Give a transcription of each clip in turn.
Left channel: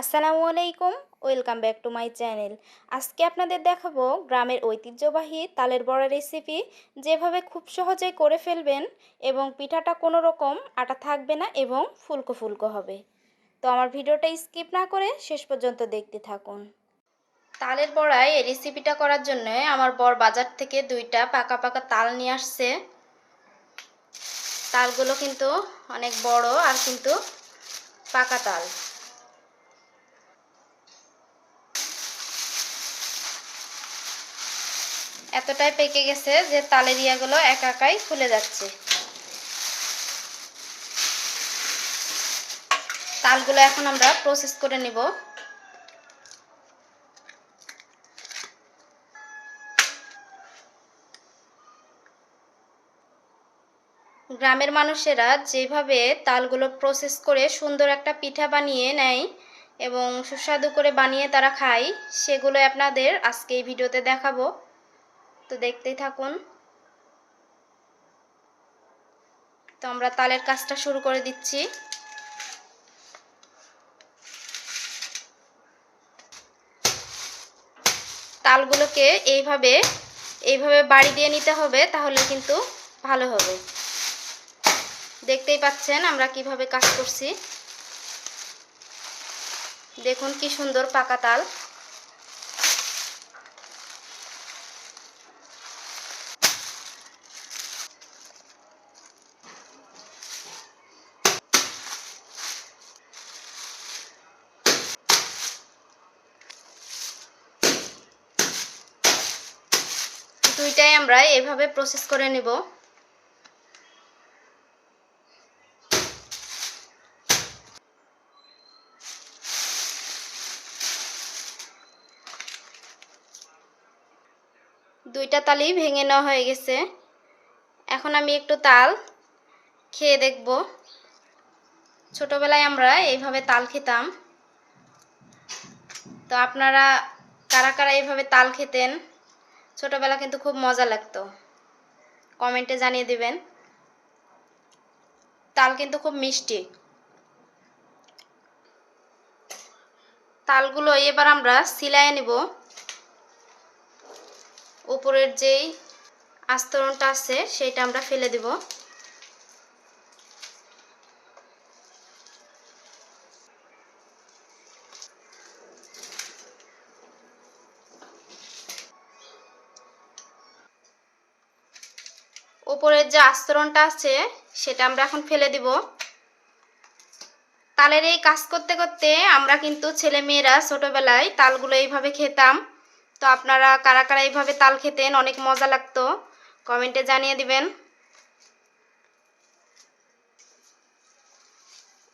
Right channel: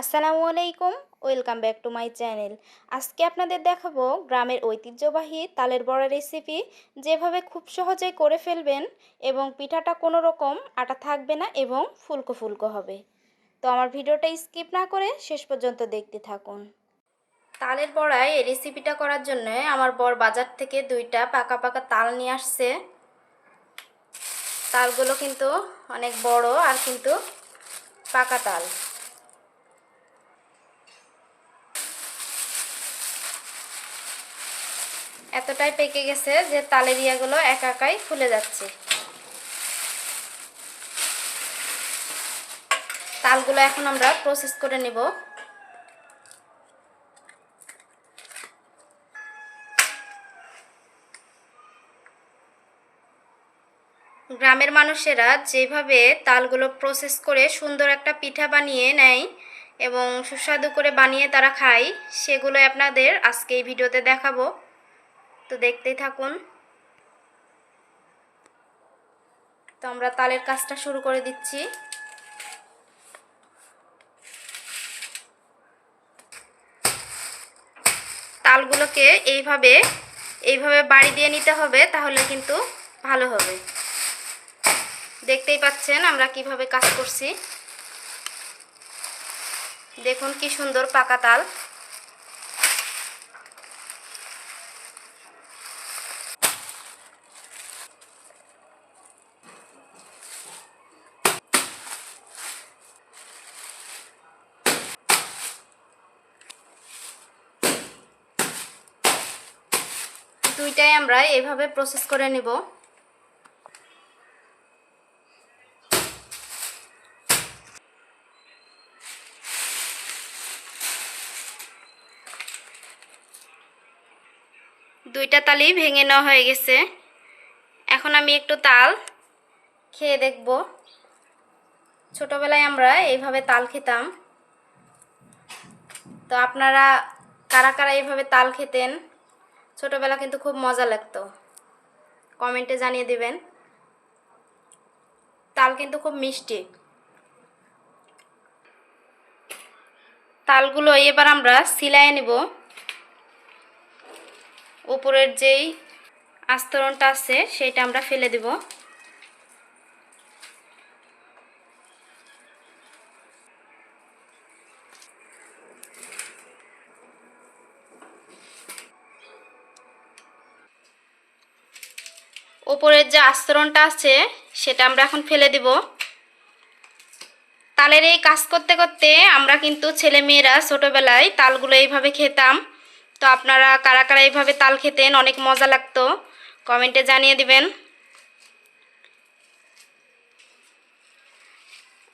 আসসালামু আলাইকুম। Welcome back to my channel. আজকে আপনাদের দেখাবো গ্রামের ঐতিহ্যবাহী তালের বড়া রেসিপি, যেভাবে খুব সহজেই করে ফেলবেন এবং পিঠাটা কোনো রকম আটা থাকবে না এবং ফুলকো ফুলকো হবে। তো আমার ভিডিওটা স্কিপ না করে শেষ পর্যন্ত দেখতে থাকুন। তালের বড়ায় এই রেসিপিটা করার জন্য আমার বর বাজার থেকে 2টা পাকা পাকা তাল নিয়ে আসছে। তালগুলো কিন্তু অনেক বড় আর কিন্তু পাকা তাল। এতটাই পেকে গেছে যে তালের ইয়াগুলো একা একাই ফুলে যাচ্ছে। তালগুলো এখন আমরা প্রসেস করে নেব। গ্রামের মানুষেরা যেভাবে তালগুলো প্রসেস করে সুন্দর একটা পিঠা বানিয়ে নেয় এবং সুস্বাদু করে বানিয়ে তারা খায়, সেগুলো আপনাদের আজকে এই ভিডিওতে দেখাবো। তো দেখতেই থাকুন। তো আমরা তালের কাজটা শুরু করে দিচ্ছি। তালগুলোকে এইভাবে বাড়ি দিয়ে নিতে হবে, তাহলে কিন্তু ভালো হবে। দেখতেই পাচ্ছেন আমরা কিভাবে কাজ করছি। দেখুন কি সুন্দর পাকা তাল। দুইটাই আমরা এইভাবে প্রসেস করে নেব। দুইটা তালই ভেঙে নেওয়া হয়ে গেছে। এখন আমি একটু তাল খেয়ে দেখব। ছোটবেলায় আমরা এইভাবে তাল খেতাম। তো আপনারা কারা কারা এইভাবে তাল খেতেন? ছোটবেলা কিন্তু খুব মজা লাগতো, কমেন্টে জানিয়ে দিবেন। তাল কিন্তু খুব মিষ্টি। তালগুলো এবার আমরা সিলায়ে নেব। উপরের যেই আস্তরণটা আছে সেটা আমরা ফেলে দেব। উপরের যে আস্তরণটা আছে সেটা আমরা এখন ফেলে দেব। তালের এই কাজ করতে করতে আমরা কিন্তু ছেলেমেয়েরা ছোটবেলায় তালগুলো এইভাবে খেতাম। তো আপনারা কারা কারা এইভাবে তাল খেতেন? অনেক মজা লাগতো, কমেন্টে জানিয়ে দিবেন।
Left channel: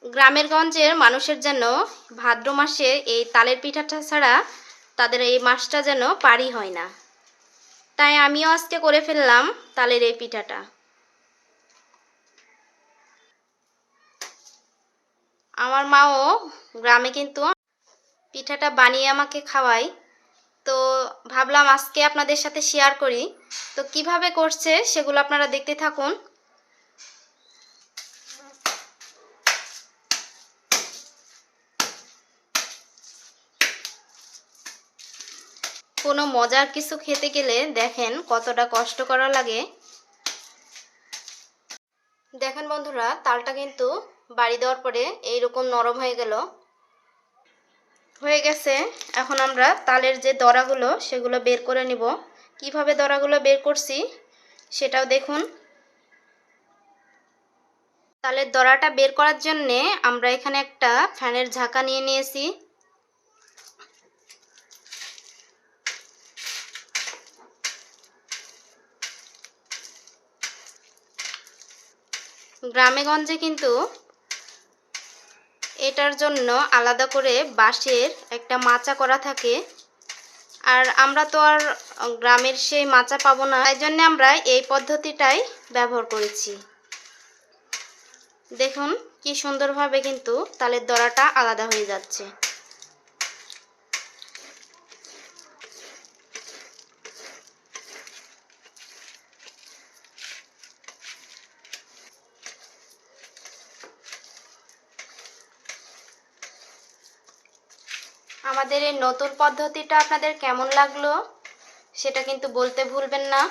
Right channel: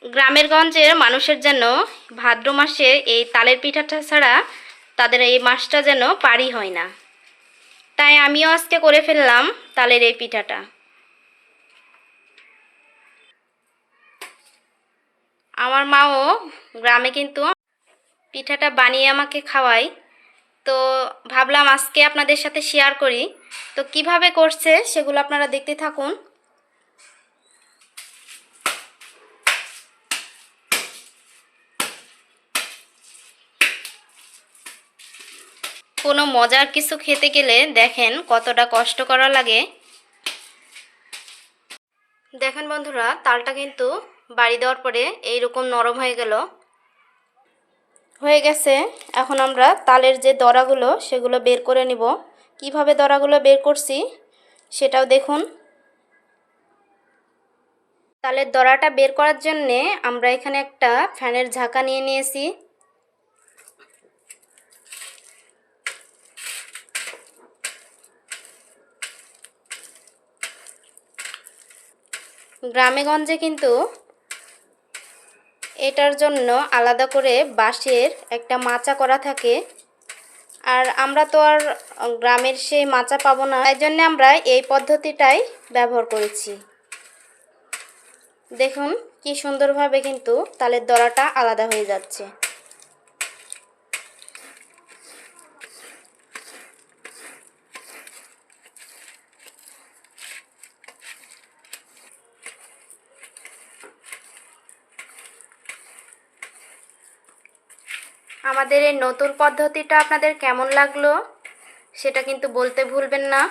গ্রামের গঞ্জের মানুষের যেন ভাদ্র মাসে এই তালের পিঠাটা ছাড়া তাদের এই মাসটা যেন পারই হয় না। তাই আমিও আজকে করে ফেললাম তালের এই পিঠাটা। আমার মাও গ্রামে কিন্তু পিঠাটা বানিয়ে আমাকে খাওয়ায়। তো ভাবলাম আজকে আপনাদের সাথে শেয়ার করি। তো কিভাবে করছে সেগুলো আপনারা দেখতে থাকুন। কোনো মজার কিছু খেতে গেলে দেখেন কতটা কষ্ট করা লাগে। দেখেন বন্ধুরা, তালটা কিন্তু বাড়ি দেওয়ার পরে এইরকম নরম হয়ে গেছে। এখন আমরা তালের যে দড়াগুলো সেগুলো বের করে নিব। কিভাবে দড়াগুলো বের করছি সেটাও দেখুন। তালের দড়াটা বের করার জন্যে আমরা এখানে একটা ফ্যানের ঝাঁকা নিয়ে নিয়েছি। গ্রামেগঞ্জে কিন্তু এটার জন্য আলাদা করে বাঁশের একটা মাচা করা থাকে। আর আমরা তো আর গ্রামের সেই মাচা পাবো না, তাই জন্য আমরা এই পদ্ধতিটাই ব্যবহার করেছি। দেখুন কি সুন্দরভাবে কিন্তু তালের দড়াটা আলাদা হয়ে যাচ্ছে। আমাদের এই নতুন পদ্ধতিটা আপনাদের কেমন লাগলো সেটা কিন্তু বলতে ভুলবেন না।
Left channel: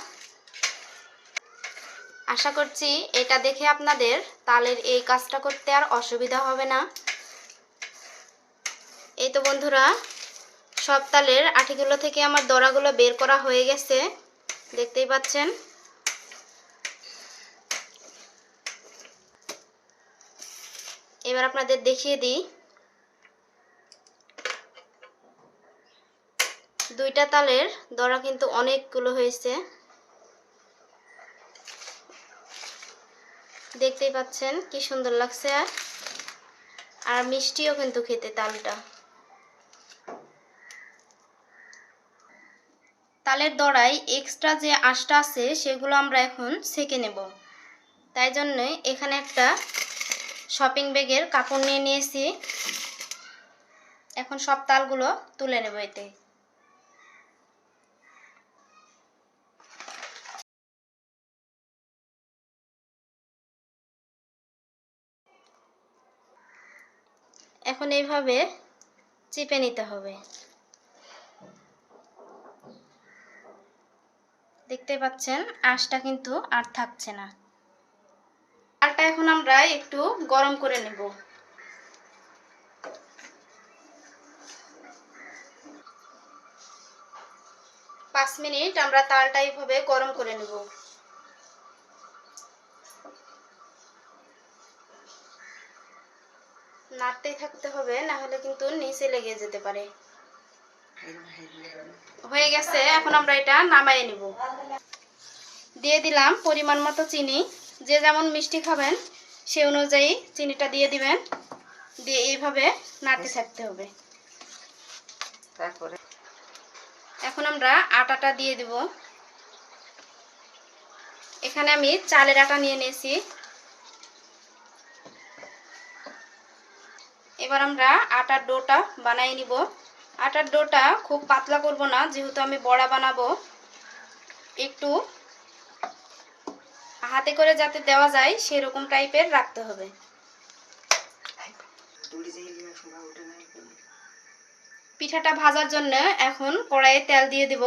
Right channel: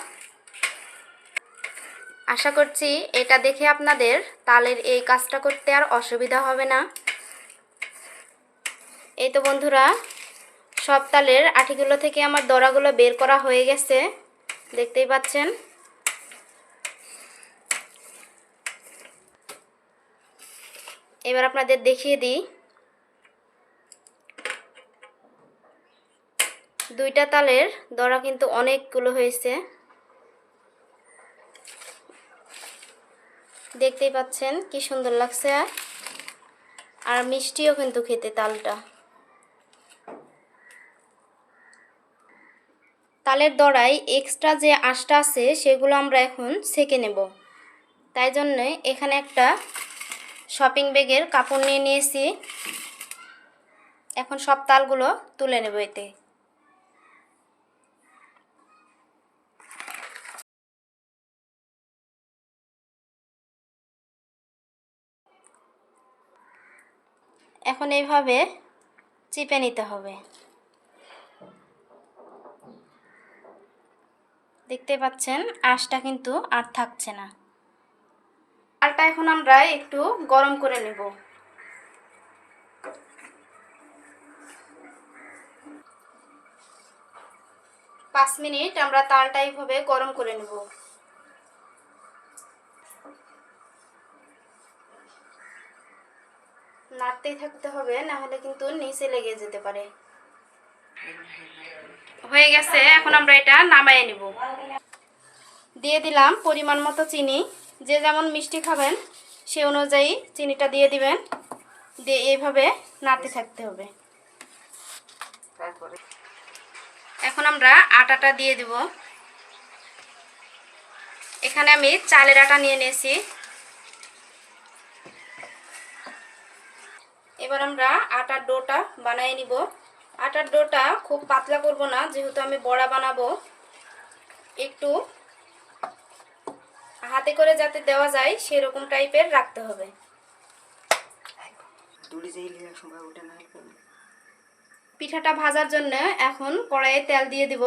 আশা করছি এটা দেখে আপনাদের তালের এই কাজটা করতে আর অসুবিধা হবে না। এই তো বন্ধুরা, সব তালের আটিগুলো থেকে আমার দড়াগুলো বের করা হয়ে গেছে, দেখতেই পাচ্ছেন। এবার আপনাদের দেখিয়ে দিই। দুইটা তালের দড়া কিন্তু অনেকগুলো হয়েছে, দেখতেই পাচ্ছেন কি সুন্দর লাগছে। আর মিষ্টিও কিন্তু খেতে তালটা। তালের দড়ায় এক্সট্রা যে আঁশটা আছে সেগুলো আমরা এখন ছেঁকে নেব। তাই জন্য এখানে একটা শপিং ব্যাগের কাপড় নিয়ে নিয়েছি। এখন সব তালগুলো তুলে নেব এতে। এখন এইভাবে চিপে নিতে হবে। দেখতে পাচ্ছেন আঁশটা কিন্তু আর থাকছে না। তালটা এখন আমরা একটু গরম করে নেব। পাঁচ মিনিট আমরা তালটা এইভাবে গরম করে নেব। নাড়তেই থাকতে হবে, না হলে কিন্তু নিচে লেগে যেতে পারে। হয়ে গেছে, এখন আমরা এটা নামায়ে নিব। দিয়ে দিলাম পরিমাণ মতো চিনি। যে যেমন মিষ্টি খাবেন সে অনুযায়ী চিনিটা দিয়ে দিবেন। দিয়ে এইভাবে নাড়তে থাকতে হবে। এখন আমরা আটাটা দিয়ে দিব। এখানে আমি চালের আটা নিয়ে নিয়েছি। এবার আমরা আটার ডোটা বানিয়ে নিব। আটার ডোটা খুব পাতলা করব না, যেহেতু আমি বড়া বানাবো। একটু হাতে করে যাতে দেওয়া যায় সেরকম টাইপের রাখতে হবে। পিঠাটা ভাজার জন্য এখন কড়াইয়ে তেল দিয়ে দিব।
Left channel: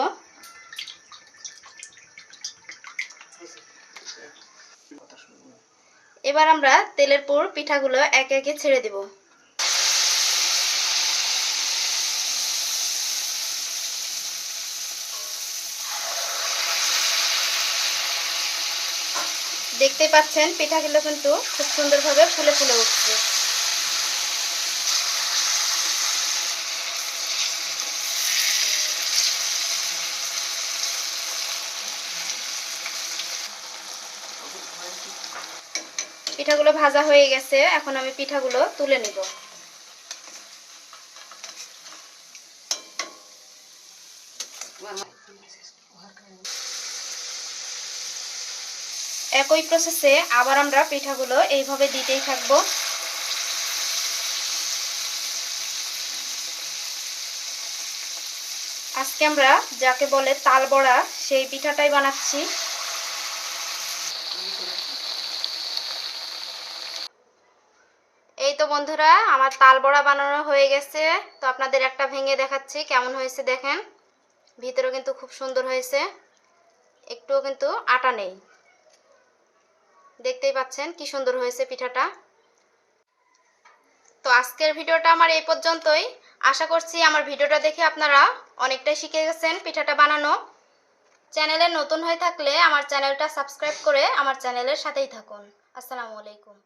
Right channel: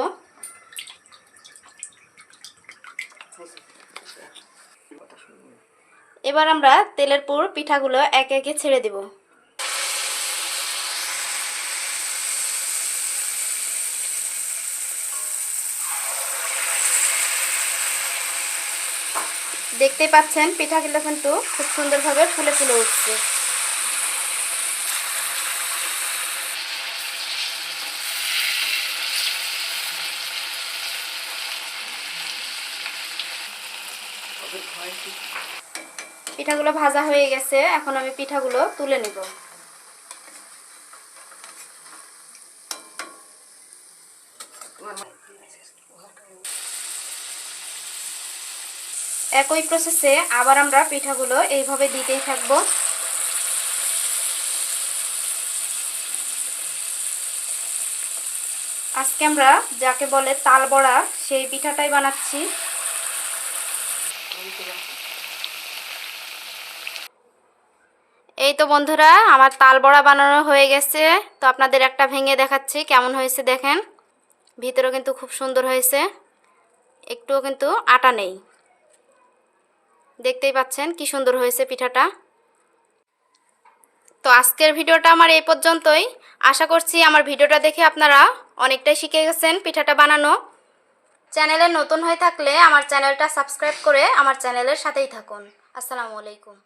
এবার আমরা তেলের পর পিঠাগুলো একে একে ছেড়ে দেব। দেখতেই পাচ্ছেন পিঠাগুলো কিন্তু খুব সুন্দরভাবে ফুলে ফুলে উঠছে। পিঠাগুলো ভাজা হয়ে গেছে, এখন আমি পিঠাগুলো তুলে নেব। একই প্রসেসে আবার আমরা পিঠাগুলো এইভাবে দিতেই থাকবো। আজকে আমরা যাকে বলে তাল বড়া সেই পিঠাটাই বানাচ্ছি। এই তো বন্ধুরা, আমার তাল বড়া বানানো হয়ে গেছে। তো আপনাদের একটা ভেঙে দেখাচ্ছি কেমন হয়েছে দেখেন। ভিতরেও কিন্তু খুব সুন্দর হয়েছে, একটুও কিন্তু আটা নেই। দেখতেই পাচ্ছেন কি সুন্দর হয়েছে পিঠাটা। তো আজকের ভিডিওটা আমার এই পর্যন্তই। আশা করছি আমার ভিডিওটা দেখে আপনারা অনেকটাই শিখে গেছেন পিঠাটা বানানো। চ্যানেলে নতুন হয়ে থাকলে আমার চ্যানেলটা সাবস্ক্রাইব করে আমার চ্যানেলের সাথেই থাকুন। আসসালামু আলাইকুম।